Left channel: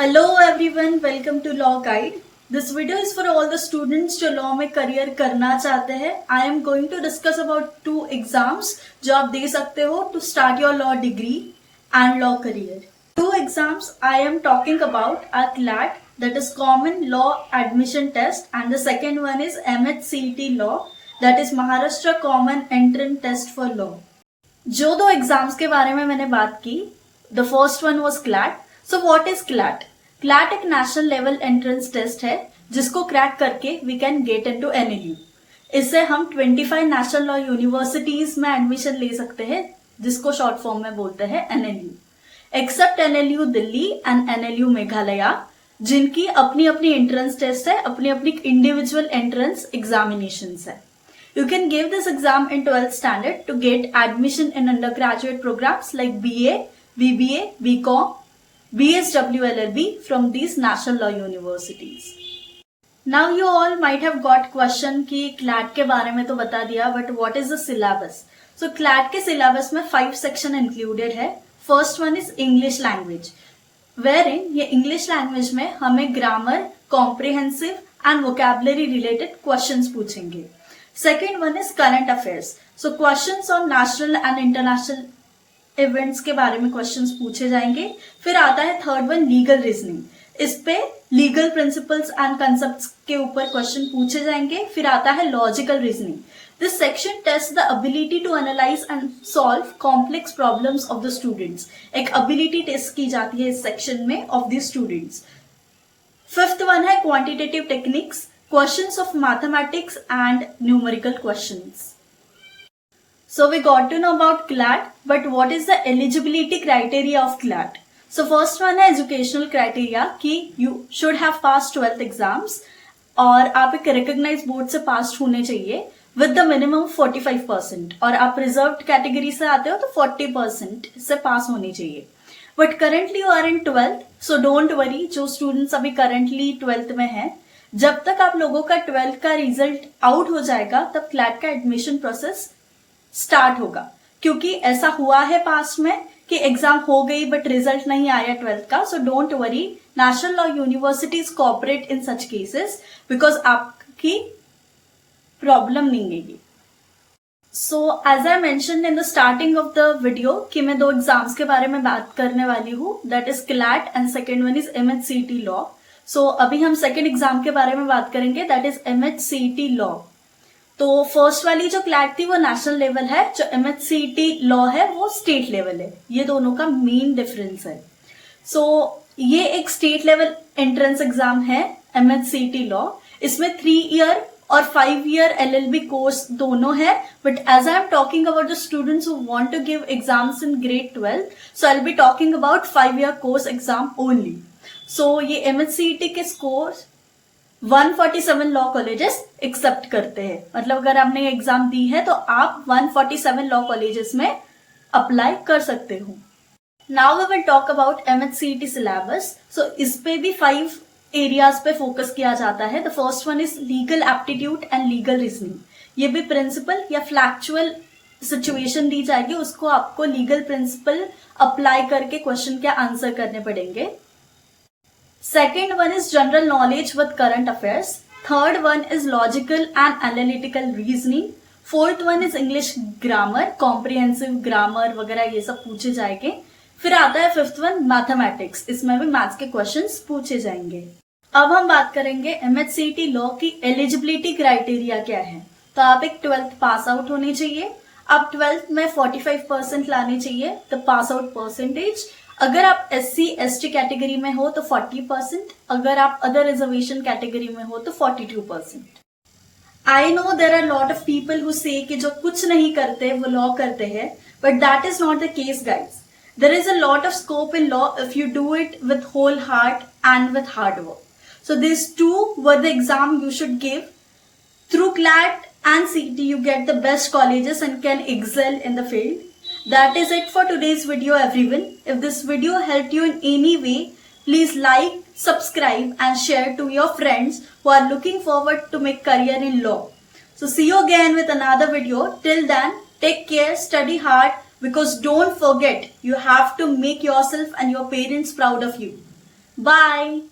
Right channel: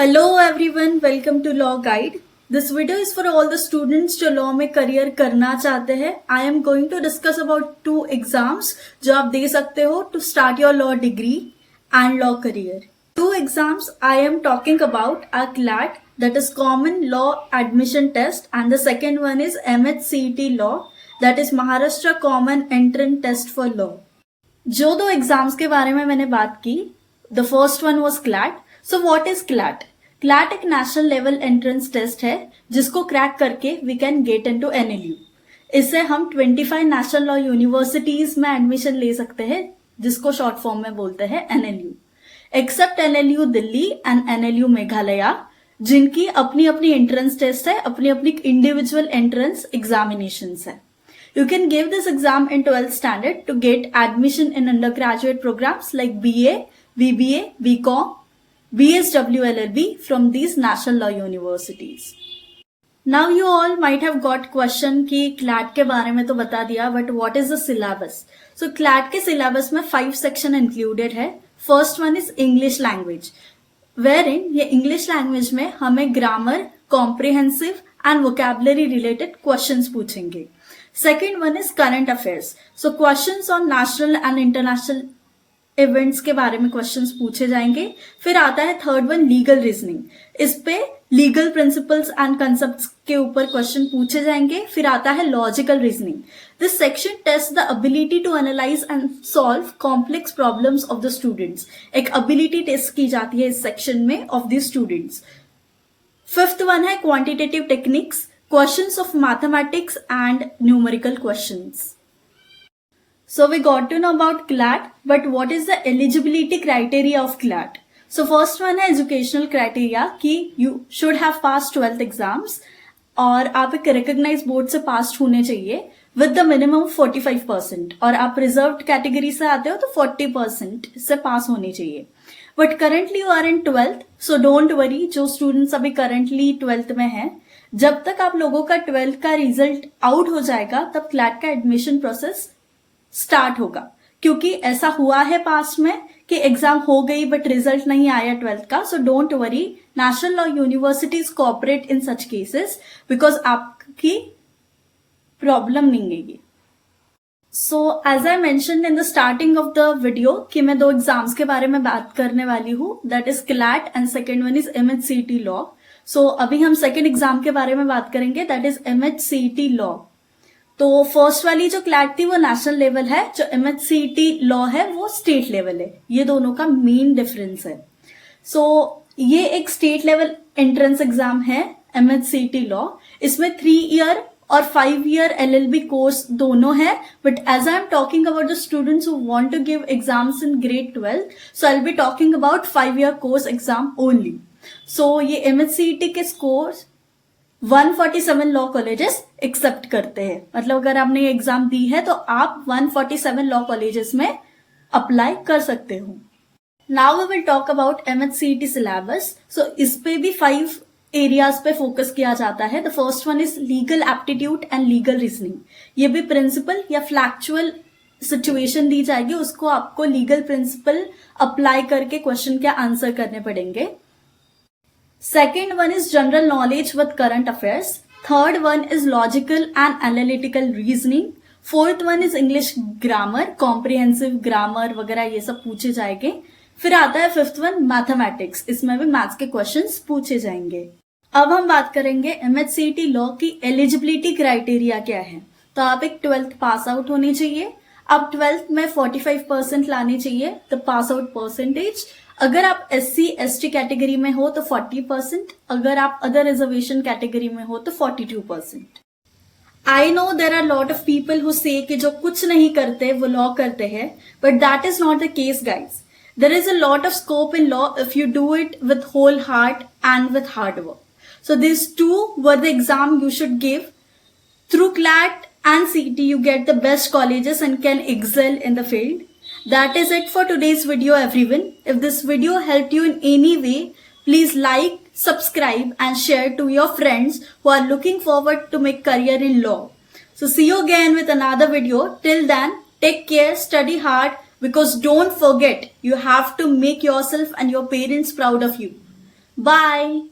Hello everyone, welcome to law guide. This video is for all the students जो law में career करना चाहते हैं। I am going to discuss about 2 exams जो आप दे सकते हो to start your law degree and law career. 2 exams I am talking about are CLAT, that is Common Law Admission Test, and the second one is MHCET Law, that is Maharashtra Common Entrance Test for Law। जो 2 exams के बारे में मैंने बात की, the first one was CLAT। So what is CLAT? CLAT एक national level entrance test है जिसको क्रैक करके we can get into NLU। इससे हम 25 नेशनल लॉ यूनिवर्सिटीज में एडमिशन ले सकते हैं, जिसको शॉर्ट फॉर्म में बोलते हैं NLU। Accept NLU Delhi and NLU Meghalaya, जिनकी अपनी अपनी एंट्रेंस टेस्ट है, अपनी अपनी इंडिविजुअल एंट्रेंस एग्जामिनेशन है। You can give this exam in 12th standard to get admission in undergraduate programs like BA, BBA, BCom, BSW LLB from these national law universities. Now you all might have got question कि CLAT के बारे में तो बता दिया, but what is the syllabus? So CLAT के syllabus में 5 section included है। First one is English language, wherein ये English language में हमें grammar, comprehensive and vocabulary related questions पूछेंगे। Second one is current affairs. So questions on national and international events के बारे में questions पूछे जाएंगे। फिर आता है थर्ड वन legal reasoning। इस पे legal principles and concepts के ऊपर question पूछे जाएंगे। फिर आता है logical reasoning। This section tests the ability to analyze and solve complex problems of the students। एक ability test की जाती है इस section में of the students। Fifth one है quantitative techniques, questions of mathematics and numerical questions. So we got to know about CLAT, but what is the eligibility criteria of CLAT? So first one है educational criteria कि you should have passed 12th exams और आप एक recognized board से passed होने चाहिए with the minimum 45%, और आप reserved category से आते हो तो 40% से पास होनी चाहिए। But currently you are in 12th, so don't worry, जो students अभी currently 12th में हैं, जब तक आप लोगों का 12th का रिजल्ट आउट हो जाएगा तब CLAT का एडमिशन प्रोसेस स्टार्ट होगा। क्योंकि ऐसा हुआ है पास्ट में कि एग्जाम हो गई बट रिजल्ट नहीं आया 12th का। So don't worry, national law universities cooperate in such cases because आपकी प्रॉब्लम नहीं है ये। So as I mentioned in the starting of the video कि मैं 2 एग्जाम्स के बारे में बात करने वाली हूँ, that is CLAT and second one is MHCET law. So अभी हम सेकेंड एग्जाम के बारे में बात करेंगे, दैट इज MHCET लॉ। तो फर्स्ट वाली जो CLAT थी वो नेशनल लेवल है, जो MHCET लॉ है वो स्टेट लेवल है। ये दोनों का मेन डिफरेंस है। सो ये एक स्टेट लेवल एंट्रेंस एग्जाम है MHCET लॉ। इसमें 3 ईयर और 5 ईयर LLB कोर्स दोनों है, but as I am talking about the students who want to give exams in grade 12, so I will be talking about 5 year course exam only. So ये MHCET के score 147 law colleges accept करते हैं। मतलब अगर आपने ये exam दी है तो आप 147 लॉ कॉलेजेस में अप्लाई कर सकते हो। Now we will talk about MHCET syllabus. So इस पे भी 5 एरियाज पे फोकस किया जाता है। The first one is legal aptitude and legal reasoning. ये भी प्रिंसिपल या फ्लैक्चुअल सिचुएशन दी जाएगी, उसको आपको लीगल प्रिंसिपल अप्लाई करके क्वेश्चन के आंसर करने पड़ेंगे। Second one is general knowledge with current affairs. Third one is logical and analytical reasoning. Fourth one is English grammar, comprehensive grammar वगैरह ये सब पूछे जाएंगे। फिर आता है फिफ्थ वन मैथमेटिक्स, इसमें भी मैथ्स के क्वेश्चंस पूछे जाएंगे। अब हम बात करेंगे MHCET लॉ की एलिजिबिलिटी क्राइटेरिया क्या है। तो आप एक 12th पास आउट होनी चाहिए। आप 12th में 45% लाने चाहिए द पास आउट परसेंटेज। अगर आप SC ST कैटेगरी में हो तो 40%, अगर आप अदर रिजर्वेशन कैटेगरी में हो तो 42%। I know there are lot of people who say कि जो कुछ नहीं करते वो लॉ करते हैं, but that is not the case guys. There is a lot of scope in law if you do it with whole heart and with hard work. So this 2 were the exam you should give. Through CLAT and CET you get the best colleges and can excel in the field. That is it for today's video everyone. If this video helped you in any way, please like, subscribe and share to your friends who are looking forward to make career in law. So see you again with another video. Till then, take care, study hard, because don't forget, you have to make yourself and your parents proud of you. Bye.